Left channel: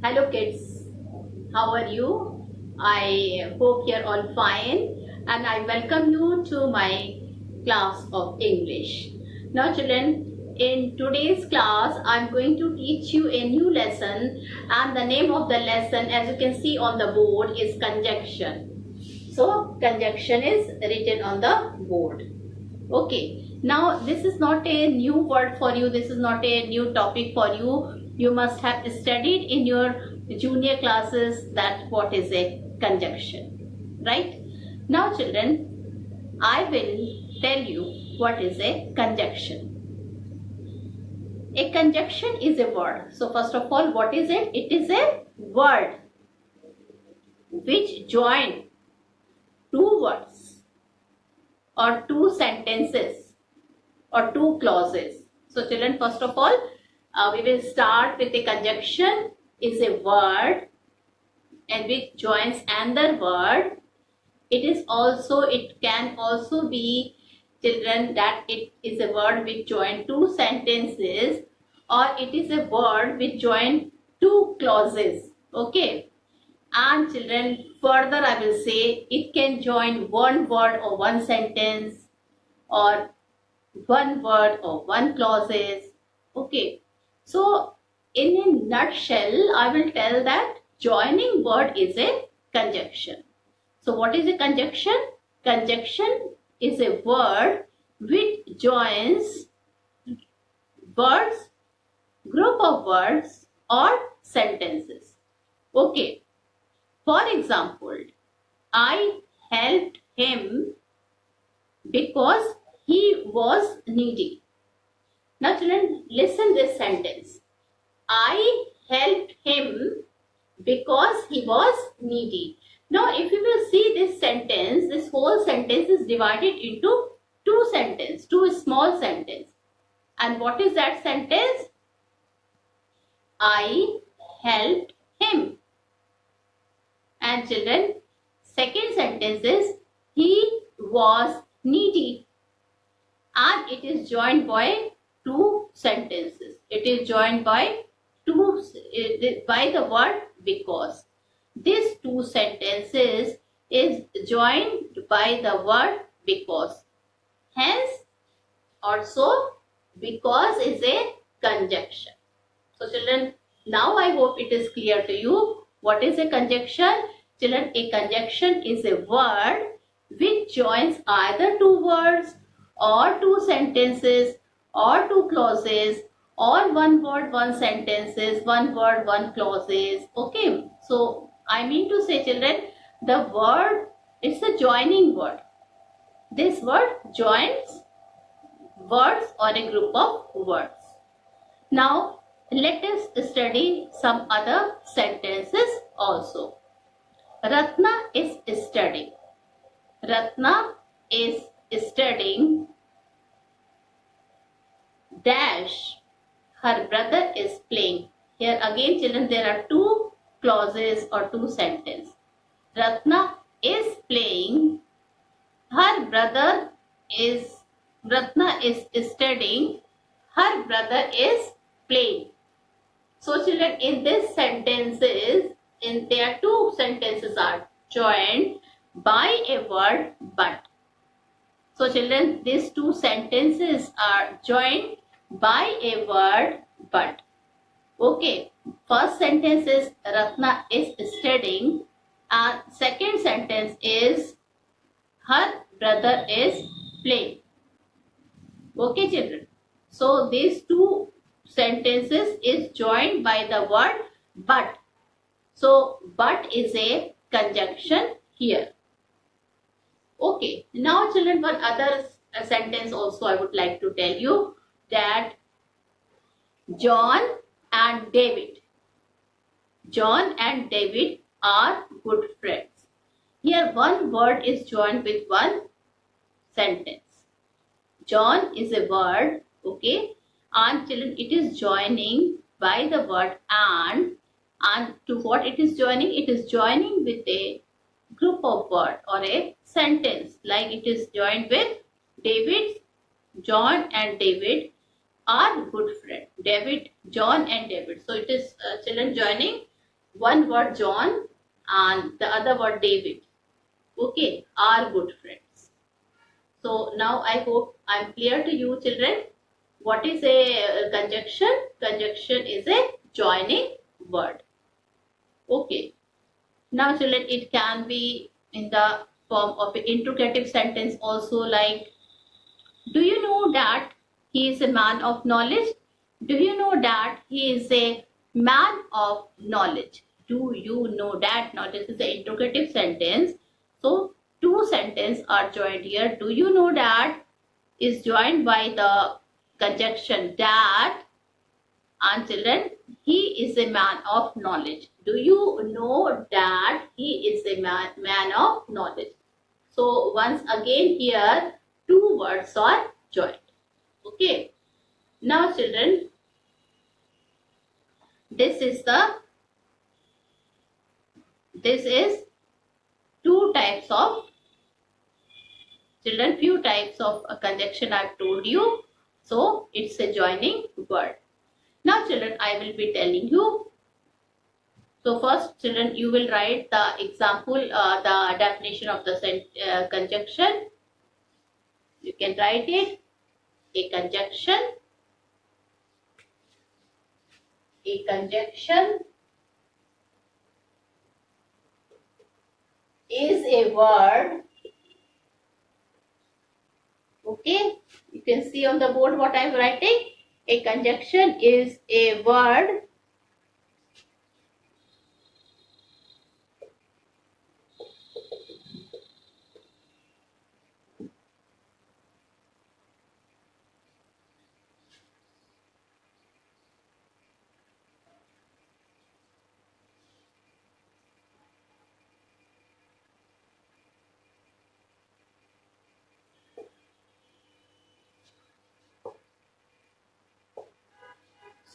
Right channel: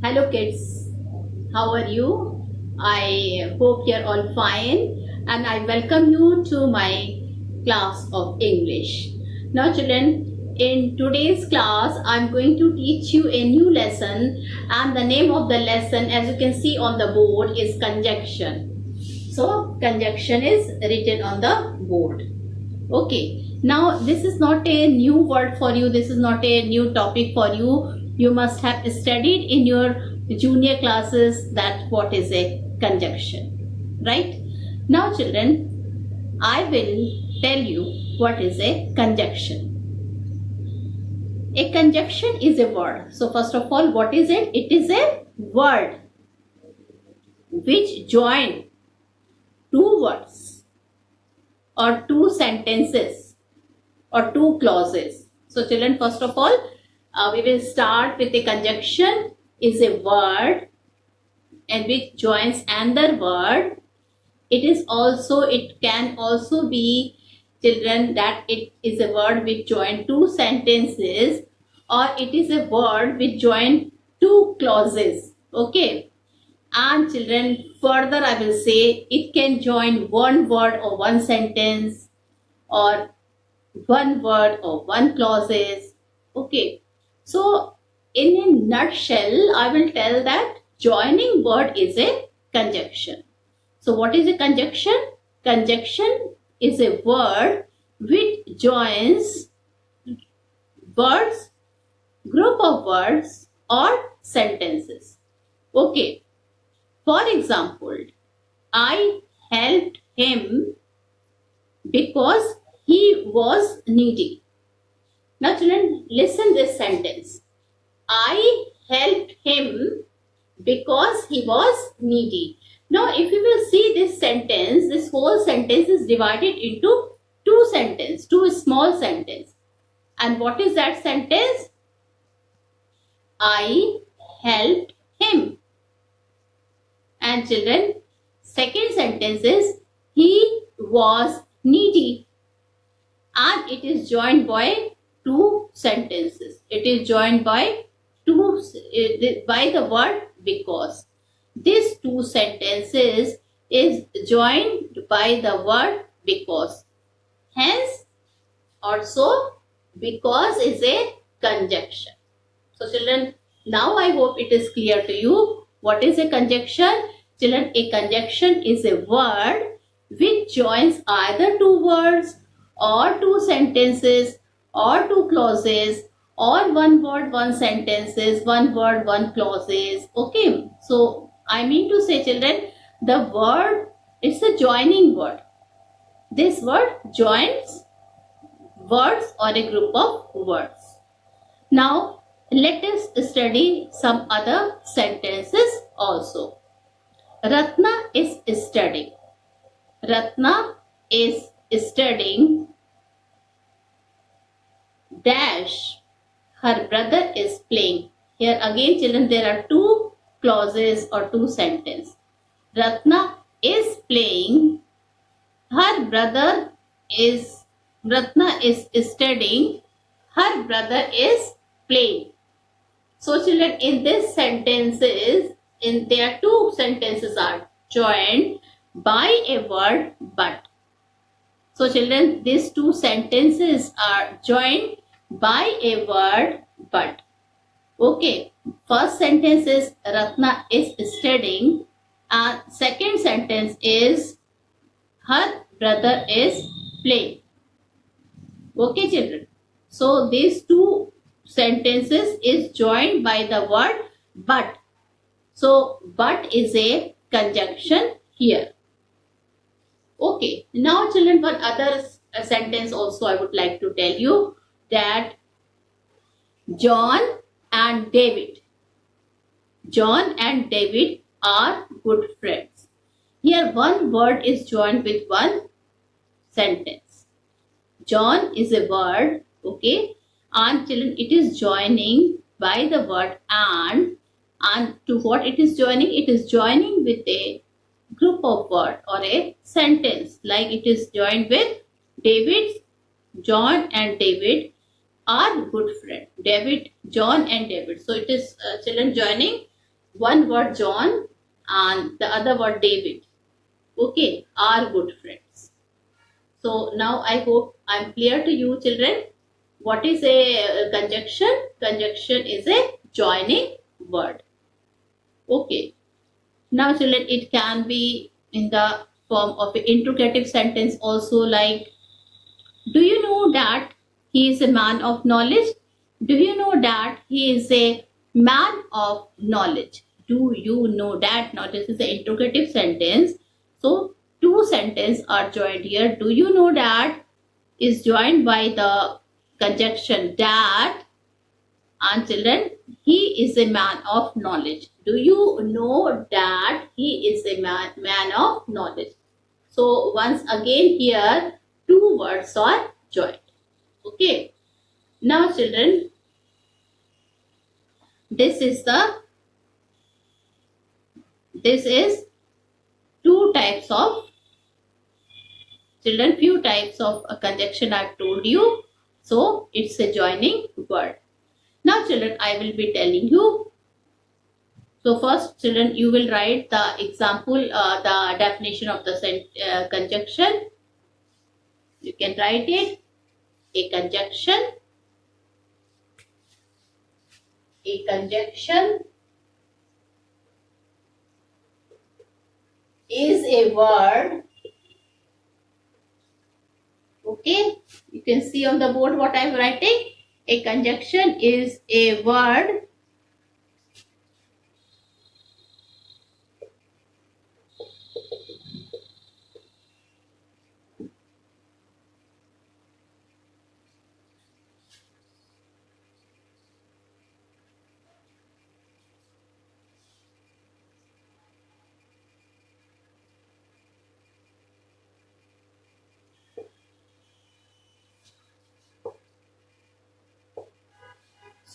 Hello kids, how are you? I hope you're all fine and I welcome you to my class of English. Now children, in today's class I'm going to teach you a new lesson, and the name of the lesson, as you can see on the board, is conjunction. So conjunction is written on the board. Okay, now this is not a new word for you, this is not a new topic for you. You must have studied in your junior classes that what is a conjunction, right? Now children, I will tell you what is a conjunction. A conjunction is a word. So first of all, what is it? It is a word which join two words or two sentences or two clauses. So children, first of all, we will start with a conjunction is a word and which joins another word. It can also be, children, that it is a word which join two sentences, or it is a word which join two clauses. Okay. And children, further I will say it can join one word or one sentence, or one word or one clauses. Okay, so in a nutshell I will tell that joining word is a conjunction. So what is a conjunction? Conjunction is a word which joins words, group of words or sentences. Okay, for example, I helped him because he was needy. Now children, listen this sentence. I helped him because he was needy. Now if you will see this sentence, this whole sentence is divided into two small sentences. And what is that sentence? I helped him. And children, second sentence is he was needy. And it is joined by two sentences. It is joined by the word because. These two sentences is joined by the word because. Hence, also because is a conjunction. So children, now I hope it is clear to you what is a conjunction. Children, a conjunction is a word which joins either two words or two sentences or two clauses, or one word, one sentences, one word, one clauses. Okay, so I mean to say children, the word, it's a joining word. This word joins words or a group of words. Now let us study some other sentences also. Ratna is studying. Ratna is studying dash, her brother is playing. Here again children, there are two clauses or two sentences. Ratna is playing, Ratna is studying, her brother is playing. So children, in this sentences, there two sentences are joined by a word but. So children, these two sentences are joined by a word but. Okay, first sentence is Ratna is studying, and second sentence is her brother is playing. Okay children, so these two sentences is joined by the word but. So but is a conjunction here. Okay, now children, one other sentence also I would like to tell you, that John and David are good friends. Here one word is joined with one sentence. John is a word, okay, and children, it is joining by the word and to what it is joining? It is joining with a group of words or a sentence, like it is joined with David. John and David are good friends. John and David. So it is children joining one word John and the other word David, okay, are good friends. So now I hope I'm clear to you, children. What is a conjunction? Conjunction is a joining word. Okay. Now children, it can be in the form of an interrogative sentence also, like, do you know that he is a man of knowledge? Do you know that he is a man of knowledge? Do you know that? Now this is an interrogative sentence. So two sentences are joined here. Do you know that is joined by the conjunction that, and children, he is a man of knowledge. Do you know that he is a man of knowledge? So once again here two words are joined. Okay. Now children, this is two types of, children, few types of a conjunction I've told you. So it's a joining word. Now children, I will be telling you. So first children, you will write the example, the definition of the conjunction. You can write it. A conjunction is a word. Okay, you can see on the board what I am writing. A conjunction is a word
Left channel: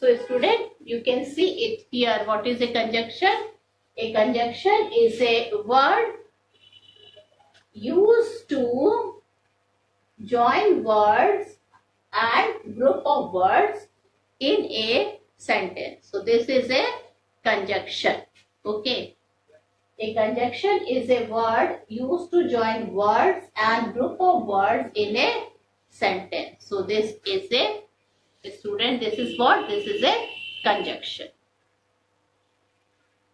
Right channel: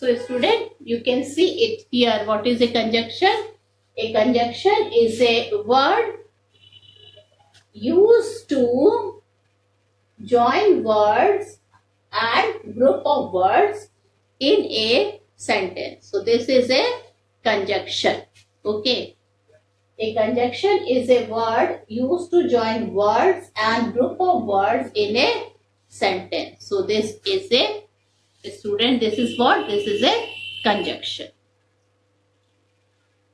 So student, you can see it here. What is a conjunction? A conjunction is a word used to join words and group of words in a sentence. So this is a conjunction. Okay. A conjunction is a word used to join words and group of words in a sentence. So this is a, student, this is what? This is a conjunction.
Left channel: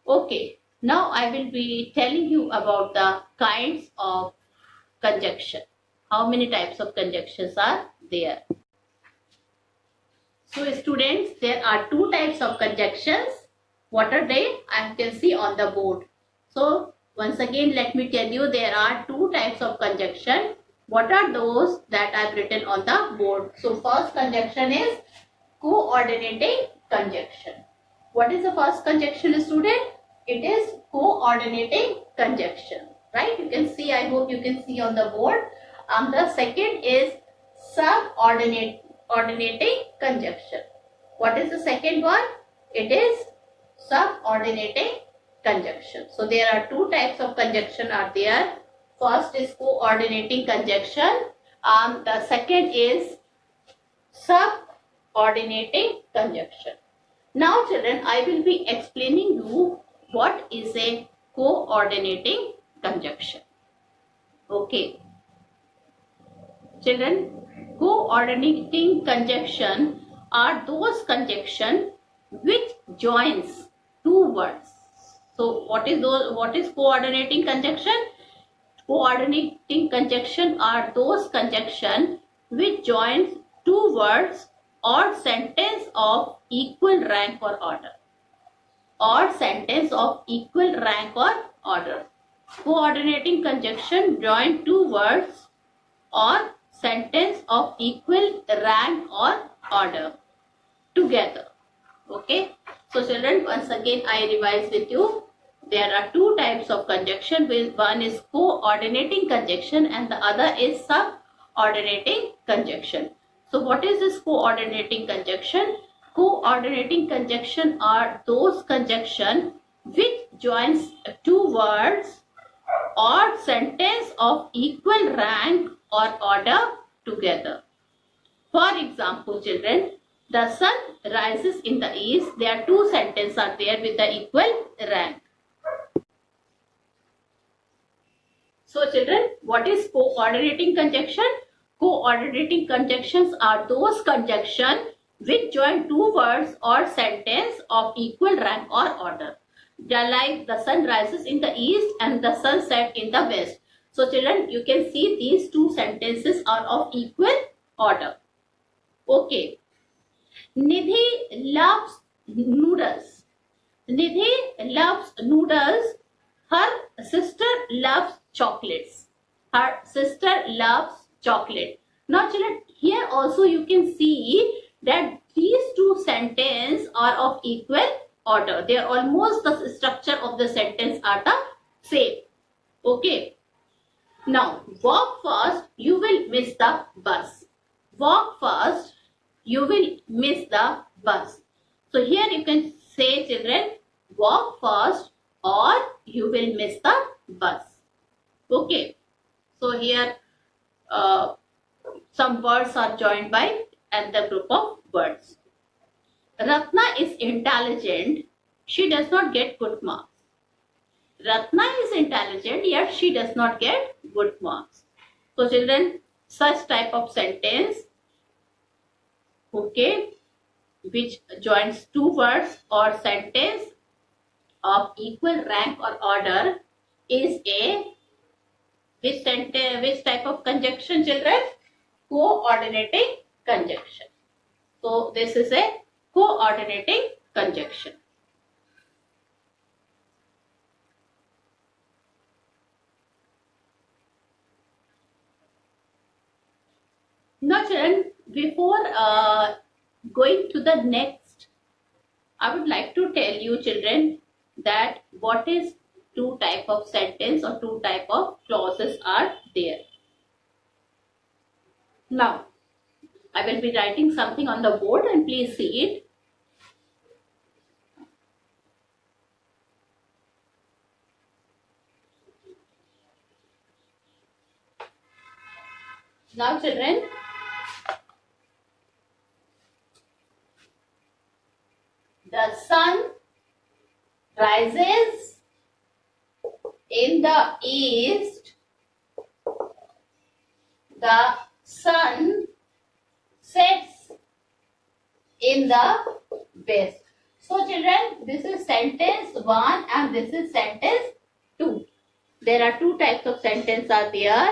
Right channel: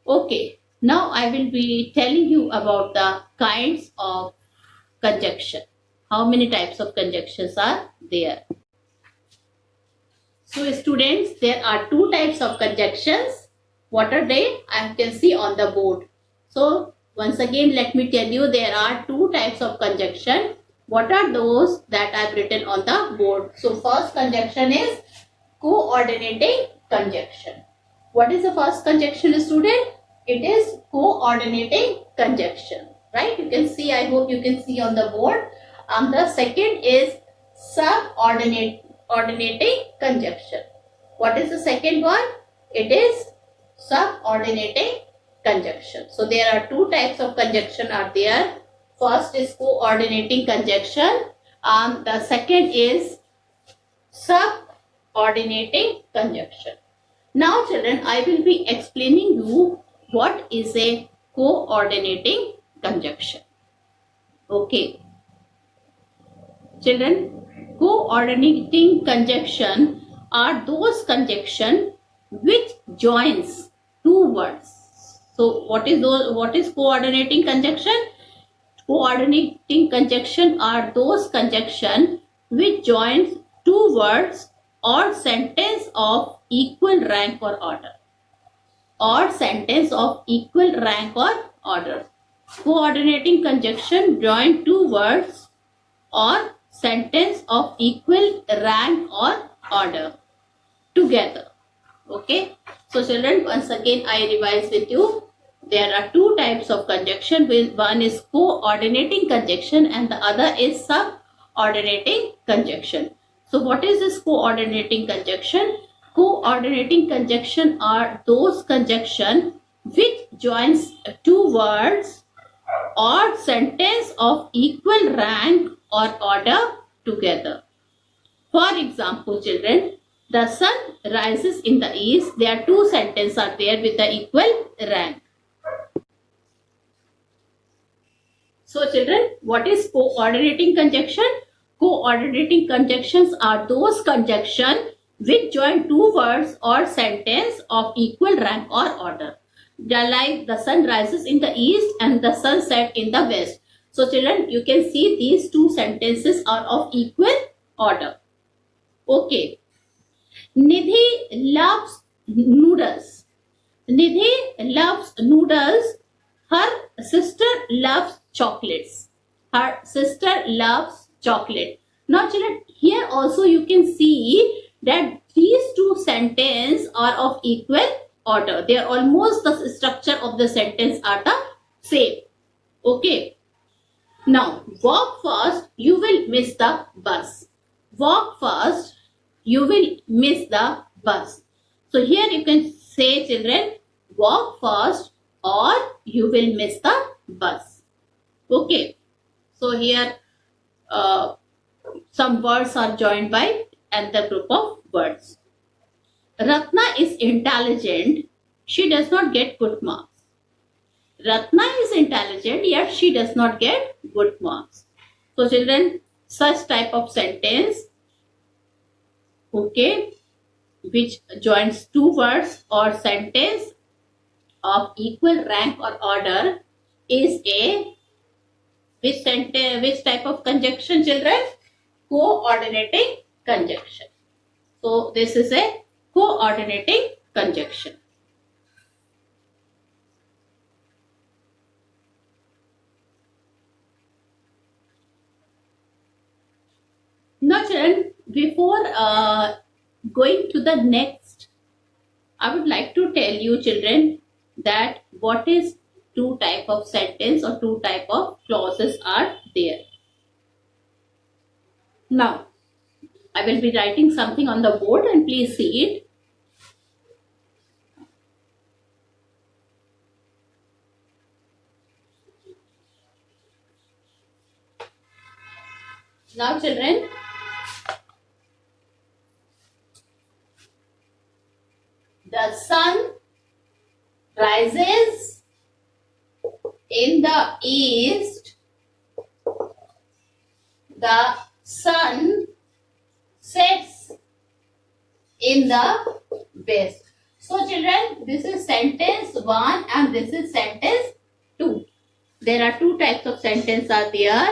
Okay, now I will be telling you about the kinds of conjunction. How many types of conjunctions are there? So students, there are two types of conjunctions. What are they? I can see on the board. So once again, let me tell you, there are two types of conjunction. What are those that I've written on the board? So first conjunction is coordinating conjunction. What is the first conjunction, student? It is coordinating conjunction, right? You can see, I hope you can see on the board. The second is subordinating conjunction. What is the second one? It is subordinating conjunction. So there are two types of conjunction are there. First is coordinating conjunction and the second is subordinating conjunction. Now children, I will be explaining you what is a coordinating conjunction. Okay. Children, coordinating conjunction are those conjunction which joins two words. So what is coordinating conjunction? Coordinating conjunction are those conjunction which joins two words or sentence of equal rank or order. Or sentence of equal rank or order. Coordinating conjunction join two words or sentence of equal rank or order together. Okay. So children, once again I revise with you. There are two types of conjunction. One is coordinating conjunction and the other is subordinating conjunction. So what is this coordinating conjunction? Coordinating conjunction are those conjunction which joins two words or sentence of equal rank or order together. For example, children, The sun rises in the east. There are two sentences are there with the equal rank. So children, what is coordinating conjunction? Coordinating conjunctions are those conjunctions which join two words or sentence of equal rank or order. They are like the sun rises in the east and the sun sets in the west. So children, you can see these two sentences are of equal order. Okay. Nidhi loves noodles. Nidhi loves noodles. Her sister loves chocolates. Her sister loves chocolate. Now children, here also you can see that these two sentences are of equal order. They are almost the structure of the sentence are the same. Okay. Now, walk fast, you will miss the bus. Walk fast, you will miss the bus. So here you can say children, walk fast or you will miss the bus. Okay. So here some words are joined by another group of words. Ratna is intelligent. She does not get good marks. Ratna is intelligent, yet she does not get good marks. So children, such type of sentence, okay, which joins two words or sentence of equal rank or order is a which type of conjunction children? Coordinating conjunction. So this is a coordinating conjunction. Now children, before going to the next, I would like to tell you children that what is two type of sentence or two type of clauses are there. Now, I will be writing something on the board and please see it. Now children, the sun rises in the east, the sun sets in the west. So children, this is sentence 1 and this is sentence 2. There are two types of sentence are there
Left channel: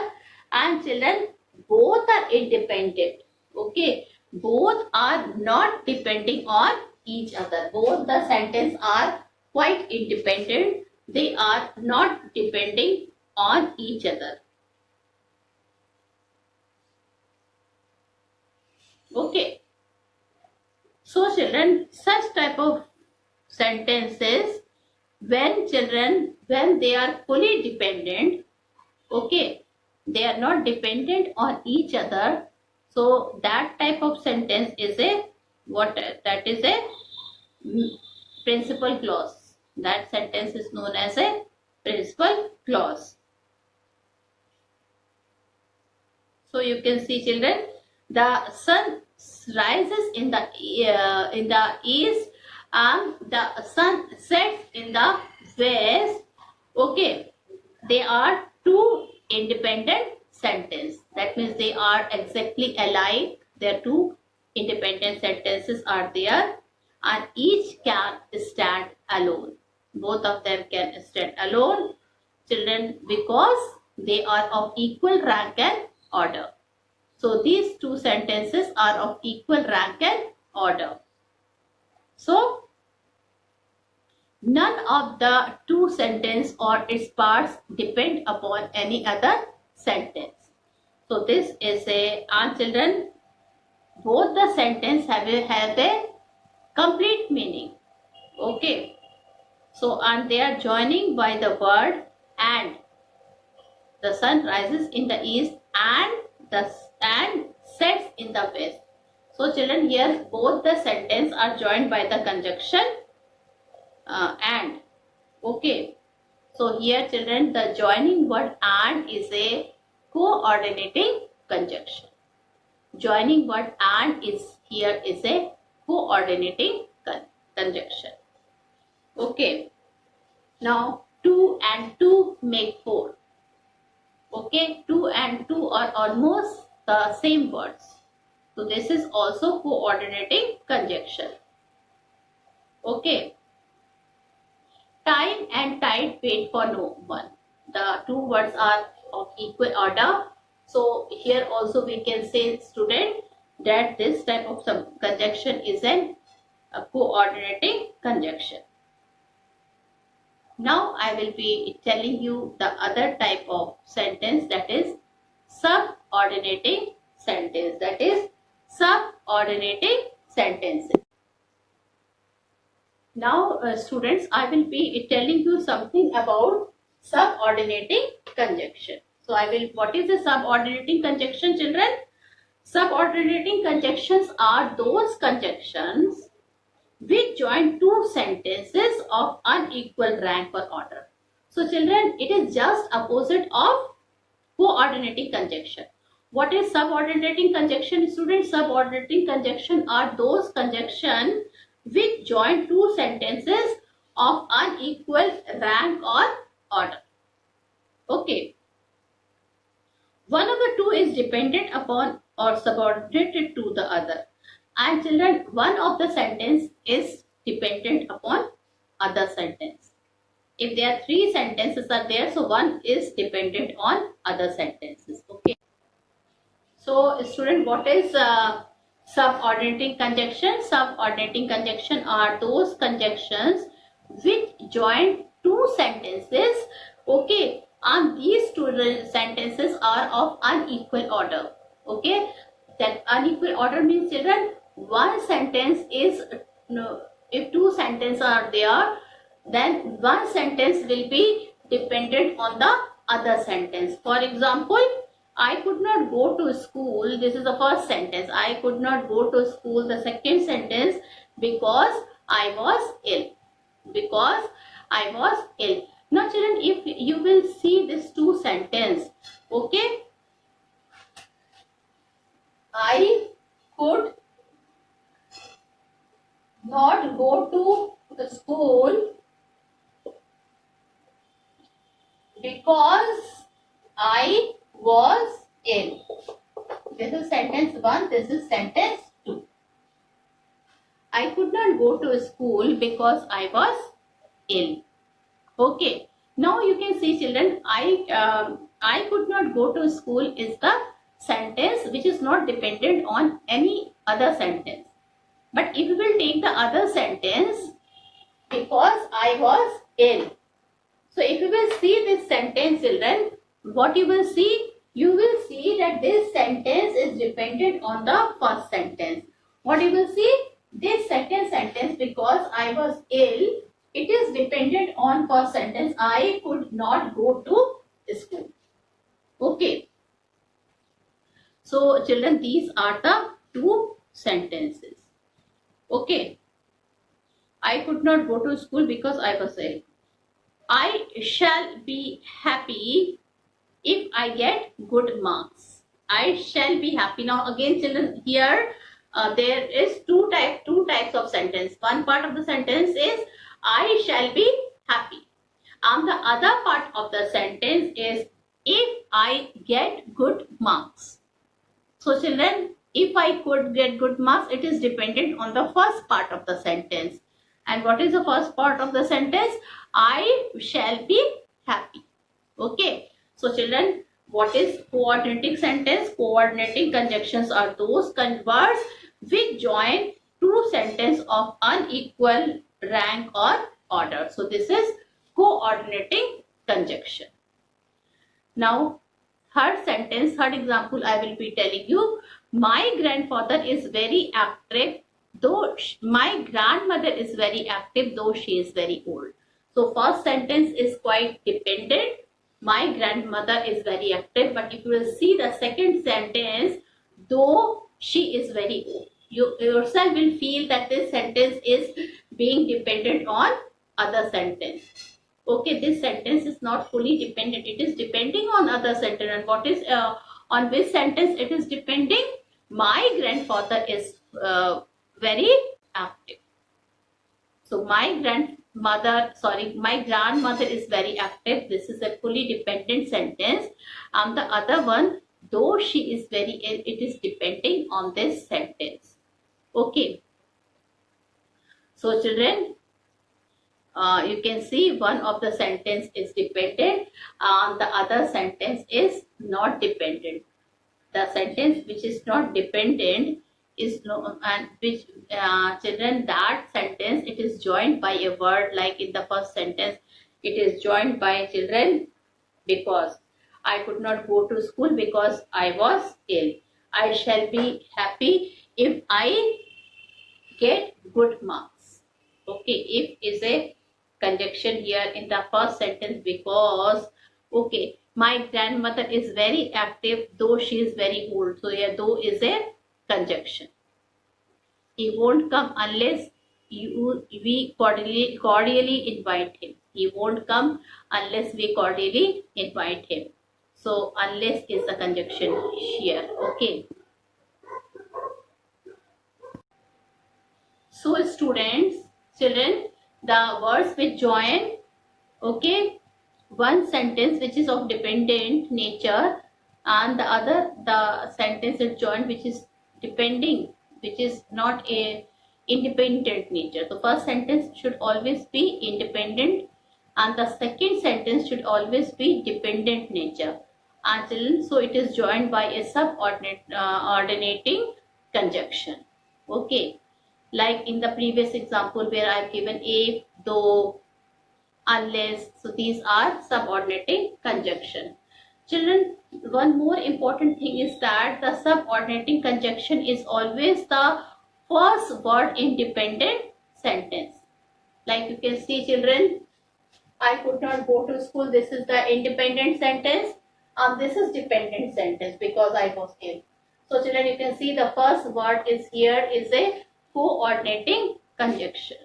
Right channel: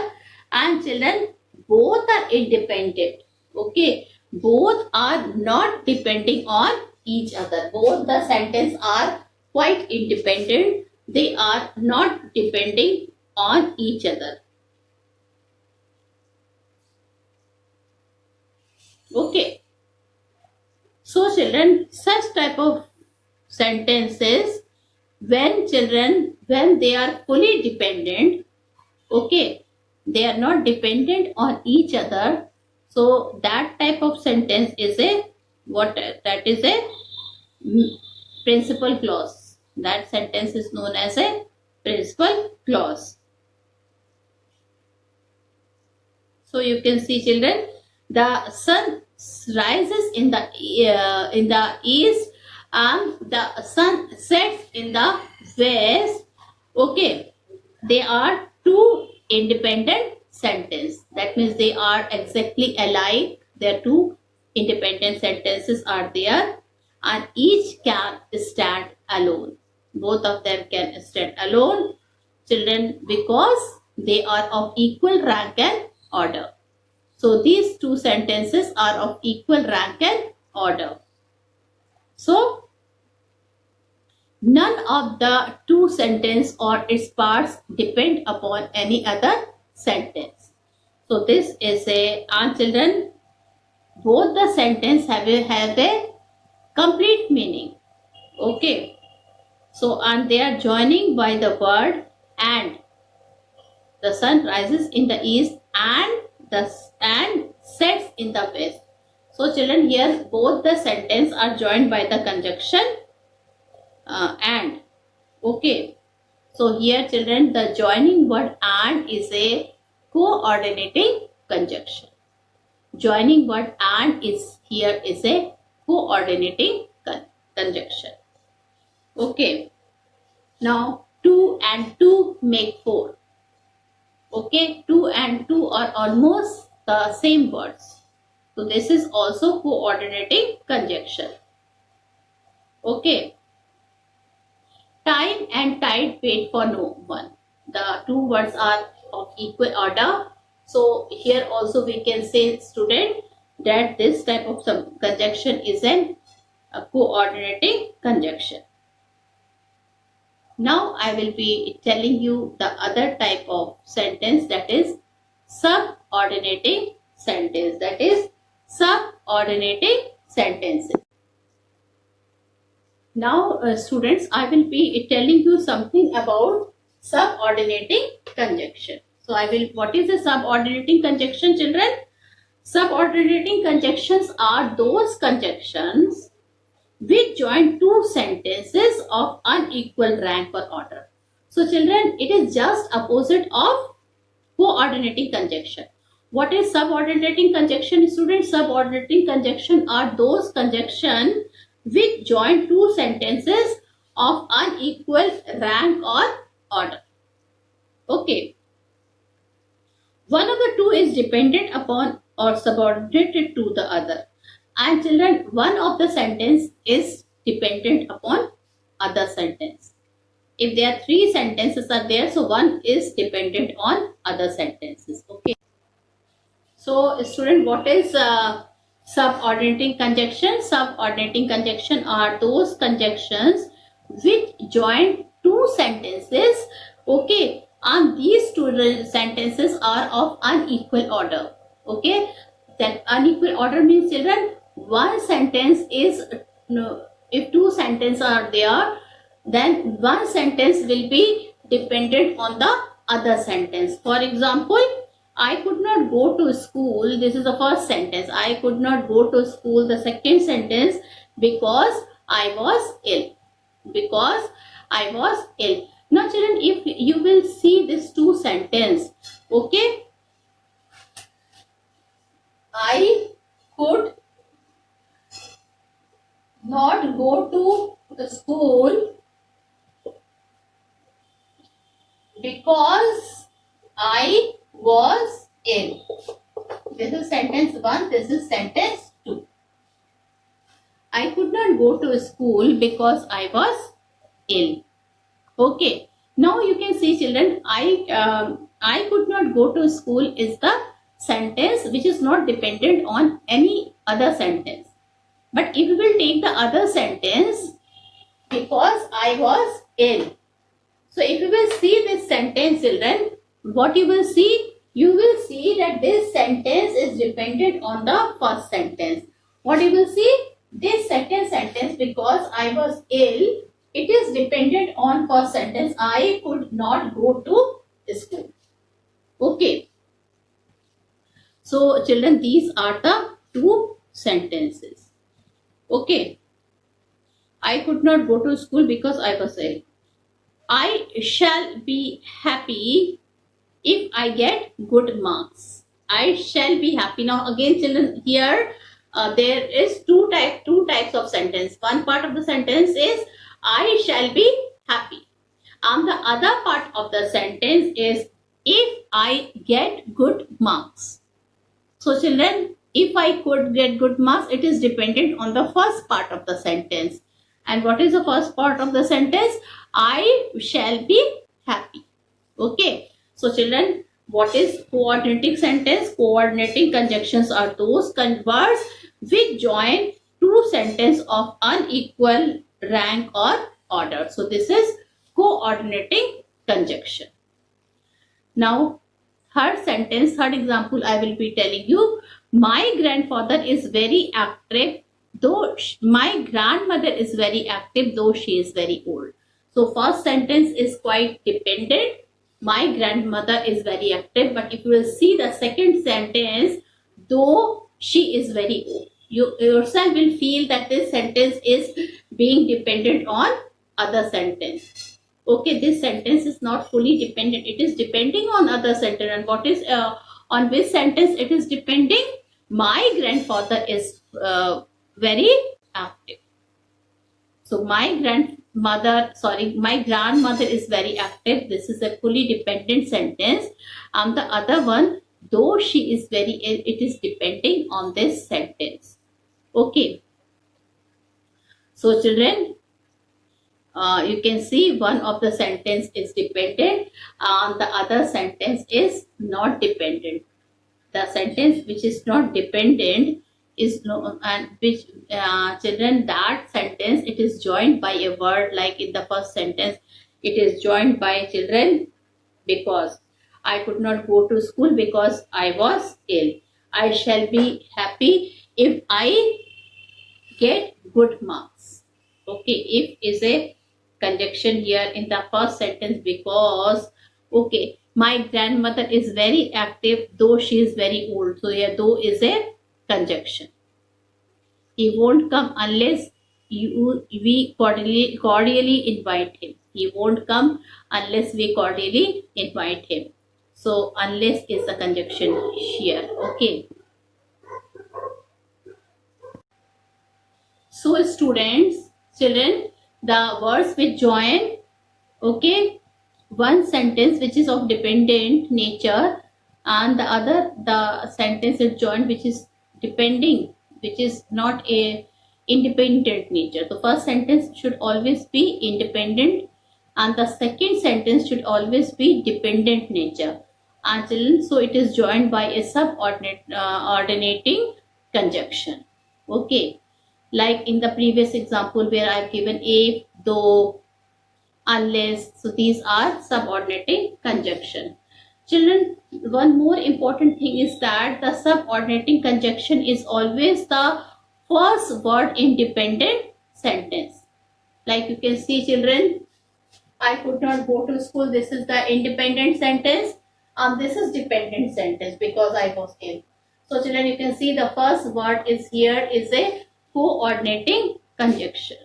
and children, both are independent. Okay, both are not depending on each other. Both the sentence are quite independent. They are not depending on each other. Okay. So children, such type of sentences when they are fully dependent, okay, they are not dependent on each other. So that type of sentence is a principal clause. That sentence is known as a principal clause. So you can see children, the sun rises in the east and the sun sets in the west. Okay, they are two independent sentences. That means they are exactly alike. There are two independent sentences are there and each can stand alone. Both of them can stand alone, children, because they are of equal rank and order. So these two sentences are of equal rank and order. So none of the two sentences or its parts depend upon any other sentence. So this is and children, both the sentence have a complete meaning. Okay. So and they are joining by the word and. The sun rises in the east and sets in the west. So children, here both the sentence are joined by the conjunction and. Okay. So here children, the joining word and is a coordinating conjunction. Joining word and is here is a coordinating conjunction. Okay. Now 2 and 2 make 4. Okay, 2 and 2 are almost the same words. So this is also coordinating conjunction. Okay. Time and tide wait for no one. The two words are of equal order. So here also we can say, student, that this type of conjunction is a coordinating conjunction. Now I will be telling you the other type of sentence, that is subordinating sentence. That is subordinating sentences. Now students, I will be telling you something about subordinating conjunction. So what is a subordinating conjunction, children? Subordinating conjunctions are those conjunctions which join two sentences of unequal rank or order. So children, it is just opposite of coordinating conjunction. What is subordinating conjunction, students? Subordinating conjunction are those conjunctions which join two sentences of unequal rank or order. Okay. One of the two is dependent upon or subordinated to the other. And children, one of the sentence is dependent upon other sentence. If there are three sentences are there, so one is dependent on other sentences. Okay. So student, what is subordinating conjunction? Subordinating conjunction are those conjunctions which join two sentences. Okay. And these two sentences are of unequal order. Okay. That unequal order means, children, one sentence is, if two sentences are there, then one sentence will be dependent on the other sentence. For example, I could not go to school. This is the first sentence. I could not go to school. The second sentence, because I was ill. Because I was ill. Now children, if you will see these two sentences, okay, I could not go to the school because I was ill. This is sentence 1, this is sentence 2. I could not go to school because I was ill. Okay. Now you can see, children, I could not go to school is the sentence which is not dependent on any other sentence. But if you will take the other sentence, because I was ill. So if you will see this sentence, children, what you will see? You will see that this sentence is dependent on the first sentence. What you will see? This second sentence, because I was ill, it is dependent on first sentence. I could not go to school. Okay. So children, these are the two sentences. Okay. I could not go to school because I was ill. I shall be happy if I get good marks. I shall be happy. Now again, children, here there is two types of sentence. One part of the sentence is I shall be happy. And the other part of the sentence is if I get good marks. So children, if I could get good marks, it is dependent on the first part of the sentence. And what is the first part of the sentence? I shall be happy. Okay. So children, what is coordinating sentence? Coordinating conjunctions are those words which join two sentences of unequal rank or order. So this is coordinating conjunction. Now third sentence, third example I will be telling you. My grandfather is very active, though my grandmother is very active, though she is very old. So first sentence is quite dependent. My grandmother is very active. But if you will see the second sentence, though she is very old, you yourself will feel that this sentence is being dependent on other sentence. Okay, this sentence is not fully dependent. It is depending on other sentence. And what is on which sentence it is depending? My grandfather is very active. So my grandmother is very active. This is a fully dependent sentence. And the other one, though she is very ill, it is depending on this sentence. Okay. So children, you can see one of the sentence is dependent and the other sentence is not dependent. The sentence which is not dependent is no, and which children, that sentence, it is joined by a word. Like in the first sentence, it is joined by children because. I could not go to school because I was ill. I shall be happy if I get good marks. Okay, if is a conjunction here in the first sentence because. Okay, my grandmother is very active though she is very old. So here though is a conjunction. He won't come unless we cordially invite him. He won't come unless we cordially invite him. So unless is the conjunction here. Okay. So students, children, the words which join, okay, one sentence which is of dependent nature and the sentence is joined which is depending, which is not a independent nature. The first sentence should always be independent and the second sentence should always be dependent nature. And children, so it is joined by a subordinating conjunction. Okay, like in the previous example where I've given if, though, unless. So these are subordinating conjunction. Children, one more important thing is that the subordinating conjunction is always the first word in dependent sentence. Like you can see children, I could not go to school. This is the independent sentence and this is dependent sentence because I was ill. So children, you can see the first word is here is a coordinating conjunction,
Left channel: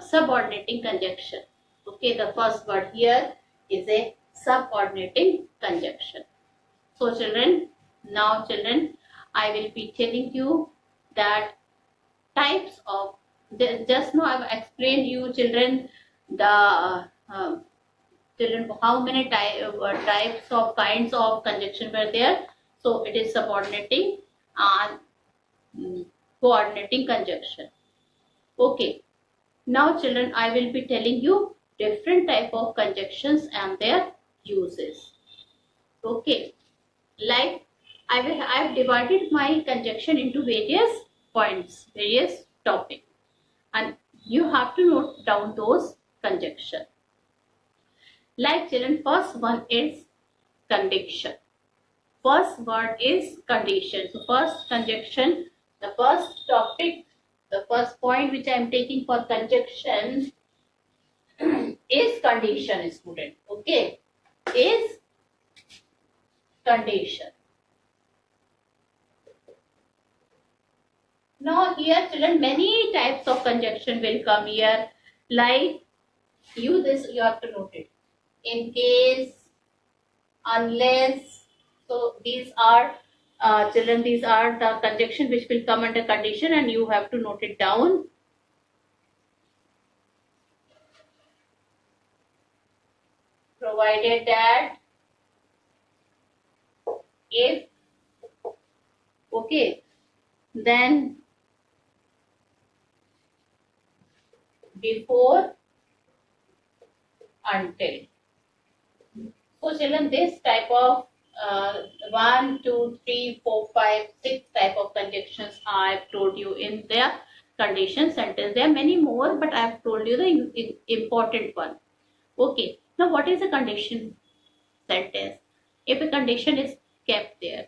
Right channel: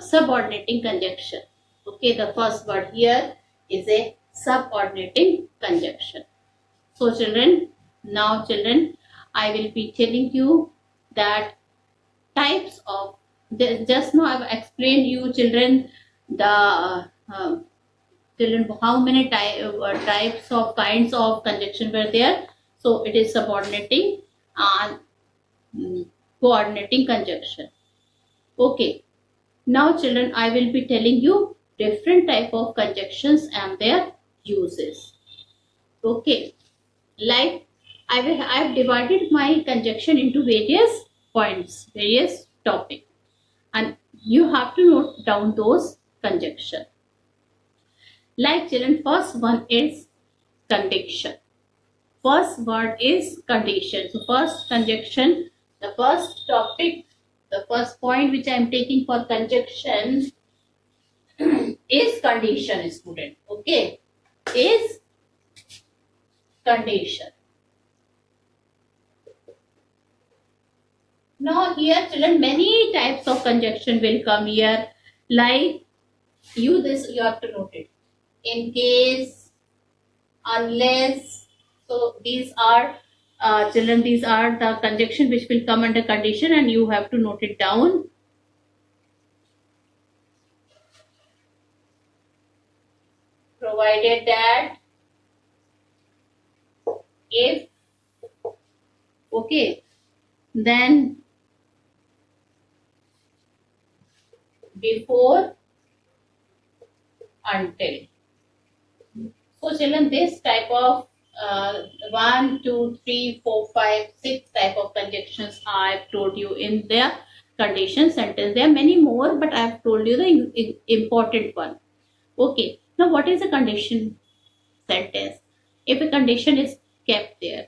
subordinating conjunction. Okay, the first word here is a subordinating conjunction. So children, now children, I will be telling you that types of, just now I have explained you children the children how many types of kinds of conjunction were there. So it is subordinating and coordinating conjunction. Okay, now children, I will be telling you different type of conjunctions and their uses. Okay, like I have divided my conjunction into various points, various topics, and you have to note down those conjunction. Like children, first one is condition. First word is condition. So first conjunction, the first topic, the first point which I am taking for conjunction is condition, student. Okay, is condition. Now here children, many types of conjunction will come here. Like you have to note it. In case, unless. So these are children, these are the conjunction which will come under condition and you have to note it down. Provided that if, okay, then before, until. So children, this type of 1, 2, 3, 4, 5, 6 type of conjunctions I have told you in the condition sentence. There are many more, but I have told you the important one. Okay, now what is a condition sentence? If a condition is kept there,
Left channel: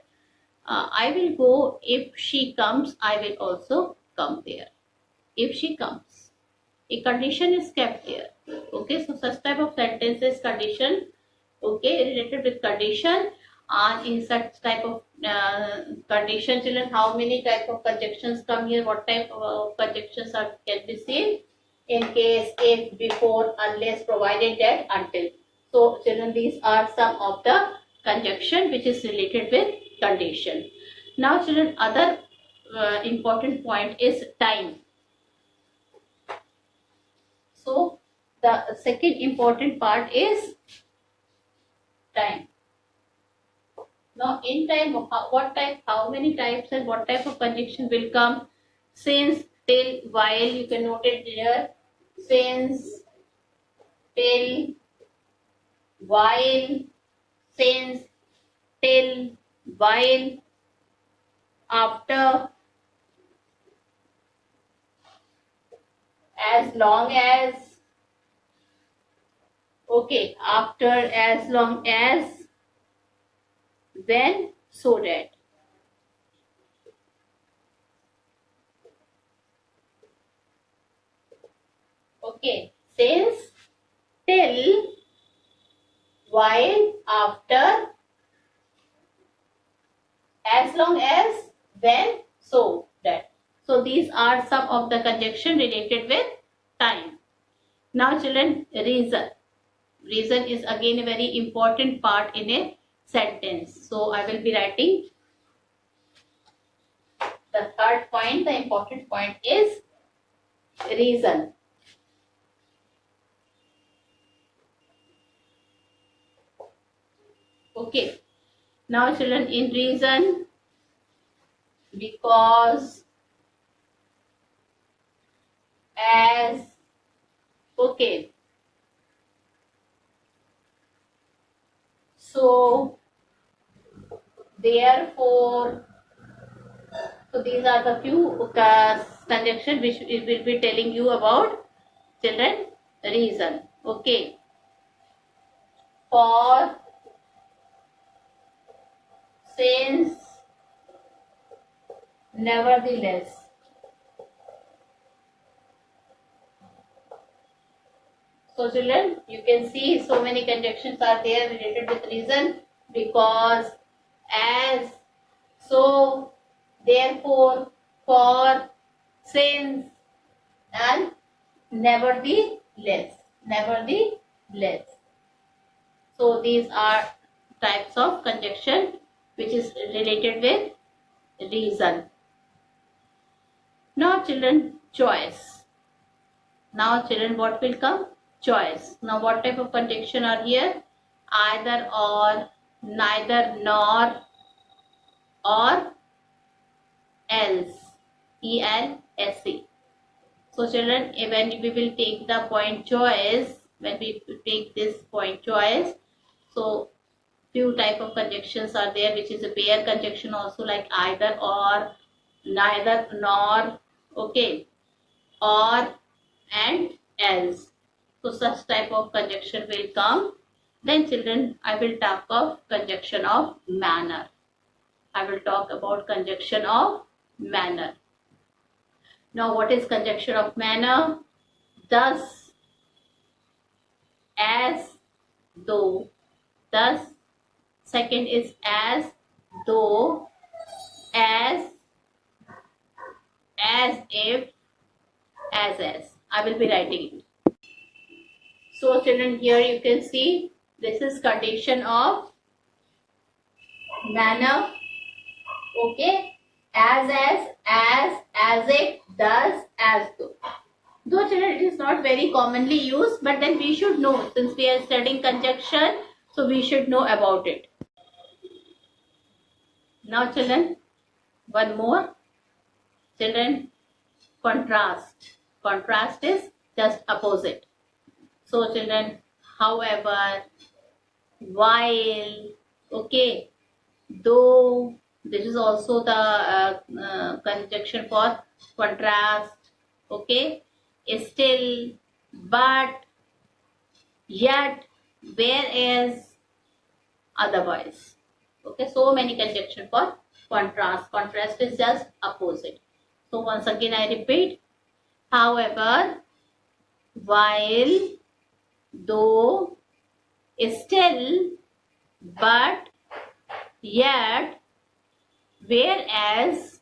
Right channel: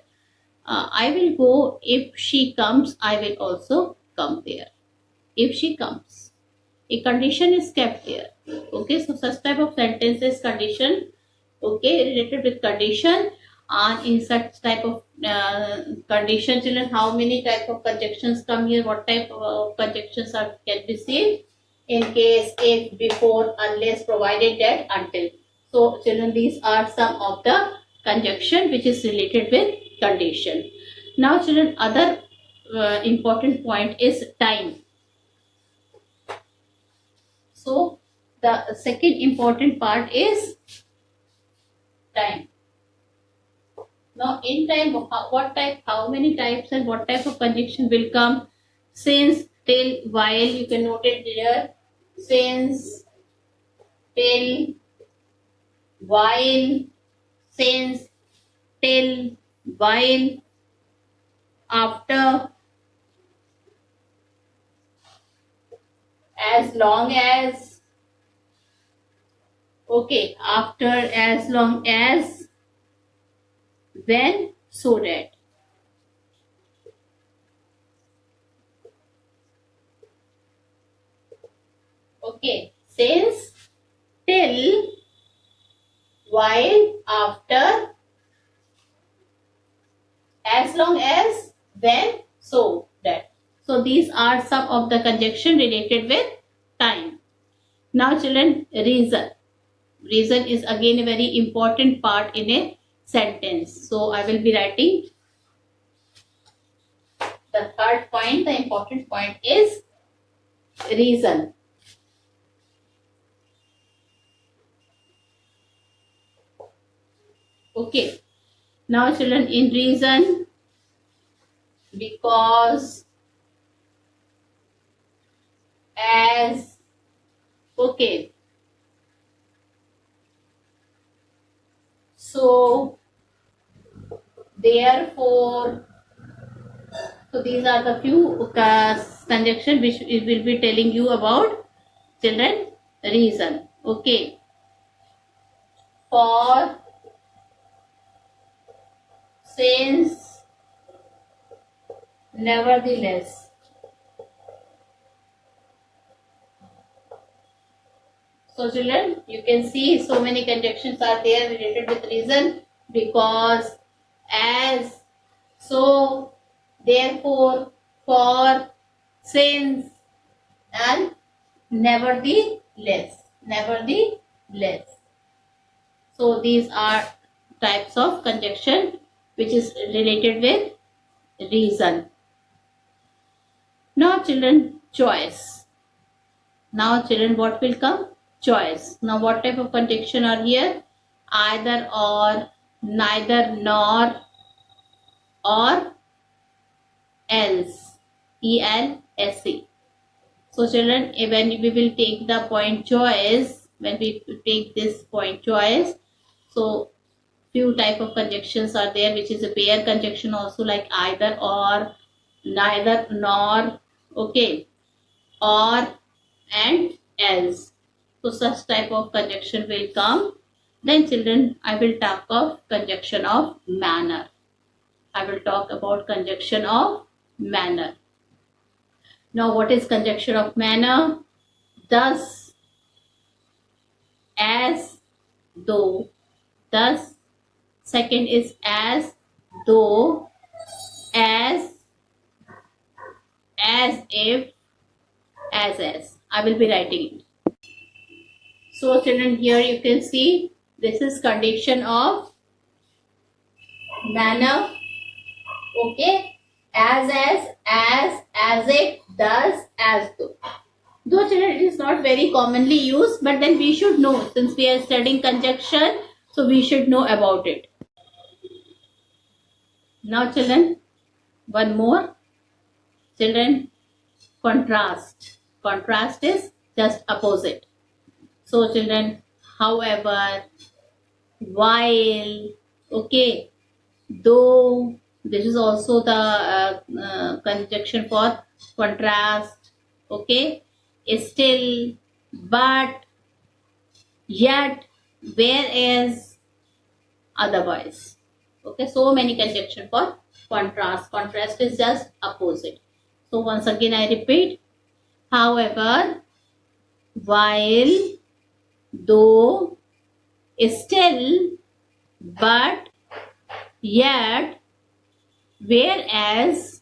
I will go. If she comes, I will also come there. If she comes, a condition is kept there. Okay, so such type of sentence is condition. Okay, related with condition. And in such type of condition, children, how many type of conjunctions come here? What type of conjunctions can be seen? In case, if, before, unless, provided that, until. So children, these are some of the conjunction which is related with condition. Now children, other important point is time. the second important part is time. Now in time, how many types and what type of conjunction will come? Since, till, while, you can note it there. Since, till, while, since, till, while, after, as long as, okay, after, as long as, when, so that. Okay, since, till, while, after, as long as, when, so that. So these are some of the conjunction related with time. Now children, reason. Reason is again a very important part in a sentence. So I will be writing the third point. The important point is reason. Okay. Now children, in reason, because, as, okay, so, therefore. So these are the few conjunction which we will be telling you about, children. Reason. Okay. For, since, nevertheless. So children, you can see so many conjunctions are there related with reason. Because, as, so, therefore, for, since, and nevertheless. Nevertheless. So these are types of conjunction which is related with reason. Now children, choice. Now children, what will come? Choice. Now what type of conjunction are here? Either or, neither nor, or else. E-L-S-E. So children, when we will take the point choice, when we take this point choice, so few type of conjunctions are there, which is a pair conjunction also, like either or, neither nor, okay, or and else. So such type of conjunction will come. Then children, I will talk of conjunction of manner. I will talk about conjunction of manner. Now what is conjunction of manner? Thus, as, though. Thus. Second is as, though, as if, as. I will be writing it. So children, here you can see this is condition of manner. Okay, as if, thus, as though. Though children, it is not very commonly used, but then we should know, since we are studying conjunction, so we should know about it. Now children, one more. Children, contrast. Contrast is just opposite. So children, however, while, okay, though, this is also the conjunction for contrast, okay, still, but, yet, whereas, otherwise. Okay, so many conjunction for contrast. Contrast is just opposite. So once again I repeat, however, while, though, still, but, yet, whereas,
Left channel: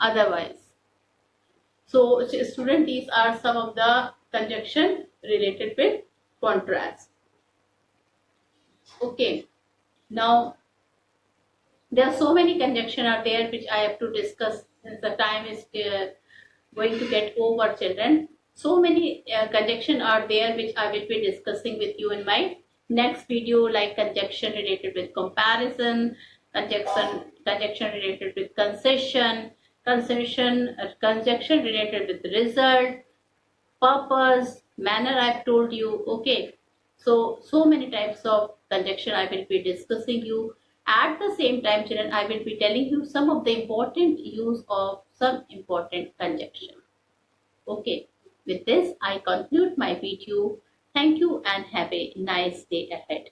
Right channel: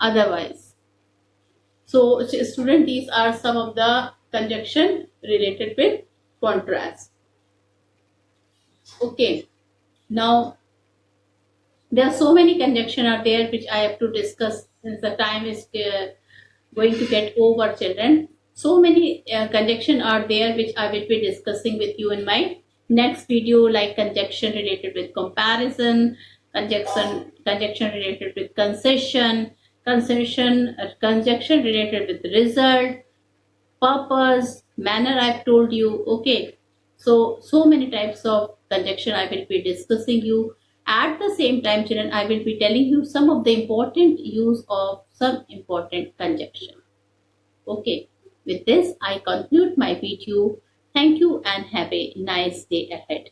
otherwise. So student, these are some of the conjunction related with contrast. Okay, now there are so many conjunction are there which I have to discuss, since the time is going to get over, children. So many conjunction are there which I will be discussing with you in my next video, like conjunction related with comparison, conjunction related with conjunction related with result, purpose, manner I've told you. Okay, so many types of conjunction I will be discussing you. At the same time, children, I will be telling you some of the important use of some important conjunction. Okay, with this I conclude my video. Thank you and have a nice day ahead.